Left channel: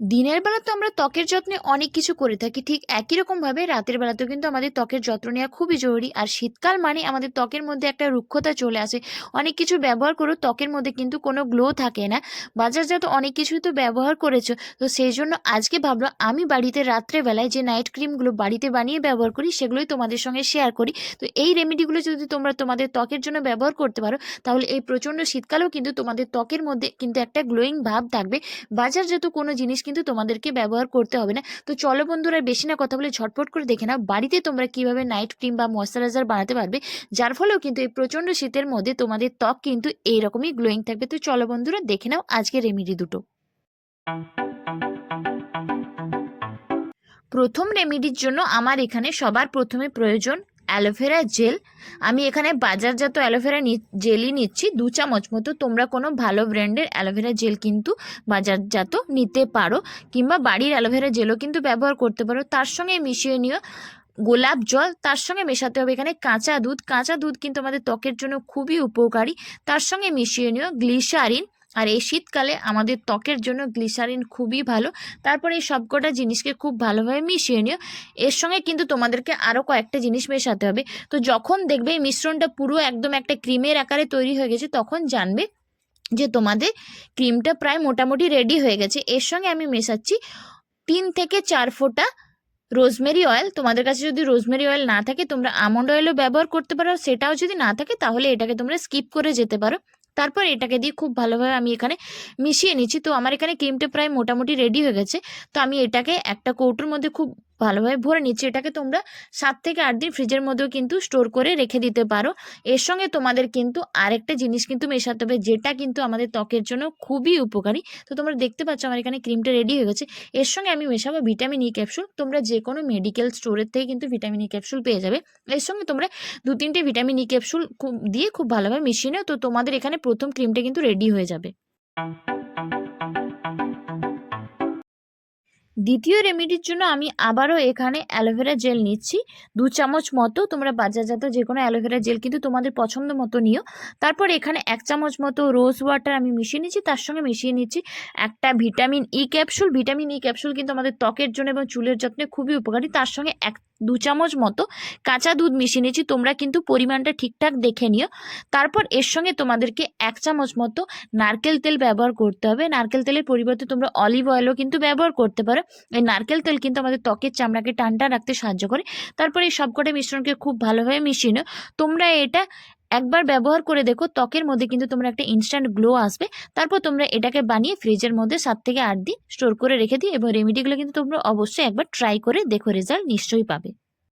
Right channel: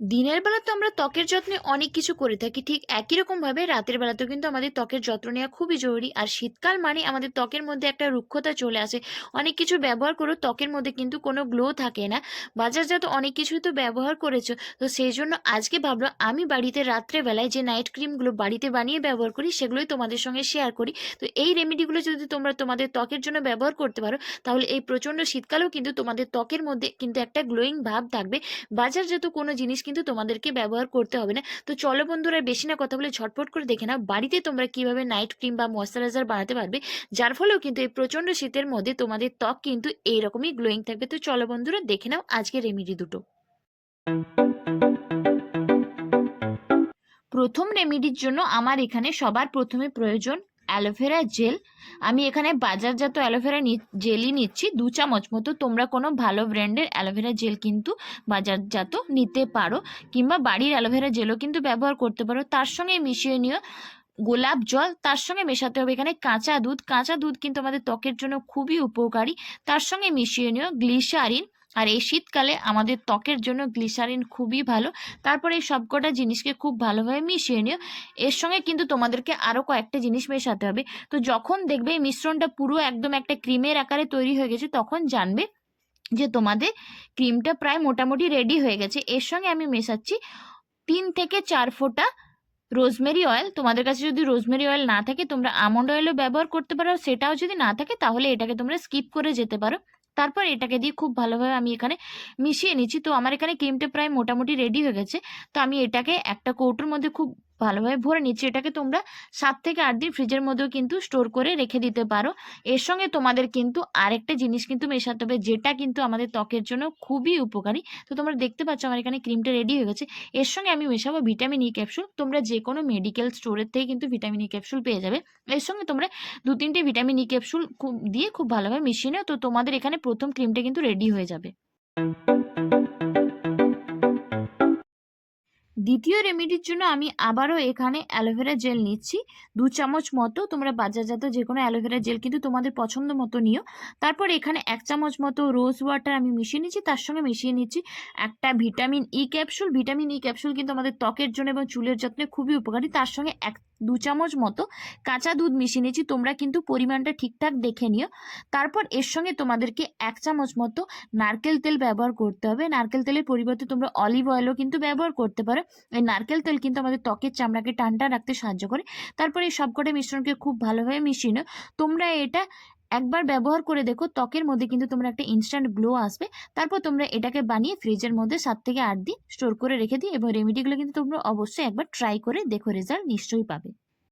দিনের বেলা তো আমরা ত্বকের যত্নে অনেক কিছু করে থাকি, ঠিক একই রকমভাবে রাতের বেলাতেও কিন্তু আমাদের ত্বকের যত্ন নেওয়া খুবই জরুরি। আর শীতকাল মানে আমাদের ত্বকের মধ্যে একটা রুক্ষতা চলে আসে। অনেক কিছু ব্যবহার করো ত্বকের মধ্যে কিন্তু কোনো গ্লো থাকে না। বাজারজাত অনেক কিছুই তো ব্যবহার করেছ। তো সেই জন্য আজকে ভাবলো আমি বাড়িতে রাত্রেবেলায় যে নাইট ক্রিমগুলো বাড়িতে বানিয়ে ব্যবহার করি, সেগুলোই তোমাদের সঙ্গে শেয়ার করি। তো এই রেমেডিগুলো যদি তোমরা তোমাদের ত্বকের জন্য ব্যবহার করতে পারো, তাহলে এই প্রচণ্ড শীতকালেও কিন্তু তোমাদের ত্বকের মধ্যে কিন্তু একটা গ্লোয়িং ভাব থাকবে। বাজারজাত কোনো জিনিস কিন্তু তোমাদেরকে ব্যবহার করতে হবে না। তো চলো বন্ধুরা বেশি না কথা বলে ঝটপট করে দেখে নাও বাড়িতে তোমরা কীভাবে নাইট ক্রিম বা ময়শ্চারাইজার বানাতে পারবে, যার ফলেও কিন্তু এই প্রচণ্ড শীতের মধ্যে তোমাদের ত্বক কিন্তু এইরকমই গ্লোয়িং থাকবে। তো চলো বন্ধুরা দেখে নাও আজকের রেমিডি দুটো। প্রথম রেমিডির জন্য আমার এখানে সবার প্রথমে প্রয়োজন অ্যালোভেরা জেল। আমি এখানে বাজারজাত অ্যালোভেরা জেলই নিচ্ছি। দু চামচ মতো তোমরা কোনো ভালো ব্র্যান্ডের অ্যালোভেরা জেল কিন্তু বাজারজাত নিতে পারো কিংবা বাড়ির অ্যালোভেরা জেলও কিন্তু ব্যবহার করতে পারো। তার সঙ্গে মিশিয়ে নিও গোলাপ জল। তার সঙ্গে মেশাতে হবে এখানে কাঁচা দুধ। কাঁচা দুধ কিন্তু আমাদের ত্বকের জন্য খুবই উপকারী। তার সঙ্গে মিশিয়ে নিও গ্লিসারিন। আর এই শীতকালে আমাদের ত্বকের জন্য গ্লিসারিন খুবই ভালো। তারপরে এই সবকটা জিনিসকে খুব ভালোভাবে মিশিয়ে নিও। এর সঙ্গে কিন্তু তোমাদেরকে আরও কয়েকটা জিনিস মেশাতে হবে। তো যখন দেখবে এই মিশ্রণটা পুরো একদম একটা ক্রিমের আকারে তৈরি হয়ে গেছে, তখন জানবে যে তোমাদের ক্রিমটা প্রায় মোটামুটি রেডি হয়ে গেছে। এর সঙ্গে আমি মেশাচ্ছি তিন থেকে চার ফোঁটা রোজমেরি অয়েল তোমাদের কাছে যদি রোজমেরি অয়েল না থাকে, তোমরা আমন্ড অয়েলও ব্যবহার করতে পারো। সেটাও যদি না থাকে, তাহলে এটাকে তোমরা স্কিপ করে যেতে পারো। তারপর এটাকে দিয়ে খুব ভালোভাবে আমি এখানে মিশিয়ে নিচ্ছি। তো আমার এখানে ক্রিমটা প্রায় মোটামুটি রেডি হয়ে গেছে। তো আমি এটাকে একটা কৌটোর মধ্যে খুব ভালোভাবে ভরে নিচ্ছি। এটাকে তোমরা সাত থেকে আট দিন ফ্রিজের মধ্যেও কিন্তু স্টোর করে রেখে দিতে পারো। এর সঙ্গে তোমাদের কিন্তু আরেকটা জিনিস কিন্তু মেশাতে হবে, যেটা কিন্তু আমাদের ত্বকের জন্য খুবই উপকারী। তো তোমরা দেখতে পাচ্ছ আমার এখানে ক্রিমটা রেডি হয়ে গেছে। এর সঙ্গে আমি মেশাবো ভিটামিন ই ক্যাপসুল তোমরা যে কোনো মেডিকেল স্টোরের থেকে কিন্তু ভিটামিন ই ক্যাপসুল পেয়ে যাবে। এর সঙ্গে তোমরা দু তিনটে ভিটামিন ই ক্যাপসুল দিয়ে খুব ভালোভাবে মিশিয়ে নাও। তো তোমাদের এখানে প্রথম ক্রিমটা কিন্তু রেডি হয়ে যাবে। দ্বিতীয় রেমেডির জন্য আমি আবারও এখানে অ্যালোভেরা জেল নিচ্ছি। দু চামচ মতো তোমরা বাজারজাত যে কোনো অ্যালোভেরা জেল কিন্তু তোমাদের পছন্দ মতো নিও। তারপর এখানে এক চামচ মতো রোজ ওয়াটার আমি মিশিয়ে নিচ্ছি, তার সঙ্গে মিশিয়ে নিচ্ছি একটা vitamin E capsule vitamin E capsule কিন্তু আমাদের ত্বকের জন্য এবং চুলের যত্নে খুবই উপকারী, তার সঙ্গে এক দু চামচ মতো কাঁচা দুধ মিশিয়ে নিয়েছি। তোমরা কিন্তু পরিমাণটা ঠিকঠাক দেখে নিও। তারপর এর সঙ্গে তোমাদেরকে এক চামচ মতো নারকেল তেল ব্যবহার করতে হবে। নারকেল তেলের পরিবর্তে তোমরা অলিভ অয়েলও কিন্তু ব্যবহার করতে পারো। এই নারকেল তেল কিন্তু আমাদের ত্বকের চামড়াকে টানটা রাখতে সাহায্য করে। তারপর এই সবকটা মিশ্রণকে খুব ভালোভাবে মিশিয়ে নিও। তোমরা এটা একবার ব্যবহার করে দেখো, ত্বকের মধ্যে কিন্তু তোমরা একটা ইনস্ট্যান্ট গ্লো আসবে। তারপর তোমরা এটাকে বানিয়ে ফ্রিজের মধ্যে সাত থেকে আট দিন স্টোর করে রেখে দিই এবং রেমেডিগুলো কিন্তু তোমরা অবশ্যই একবার ট্রাই করে দেখো রেজাল্ট নিশ্চয়ই পাবে।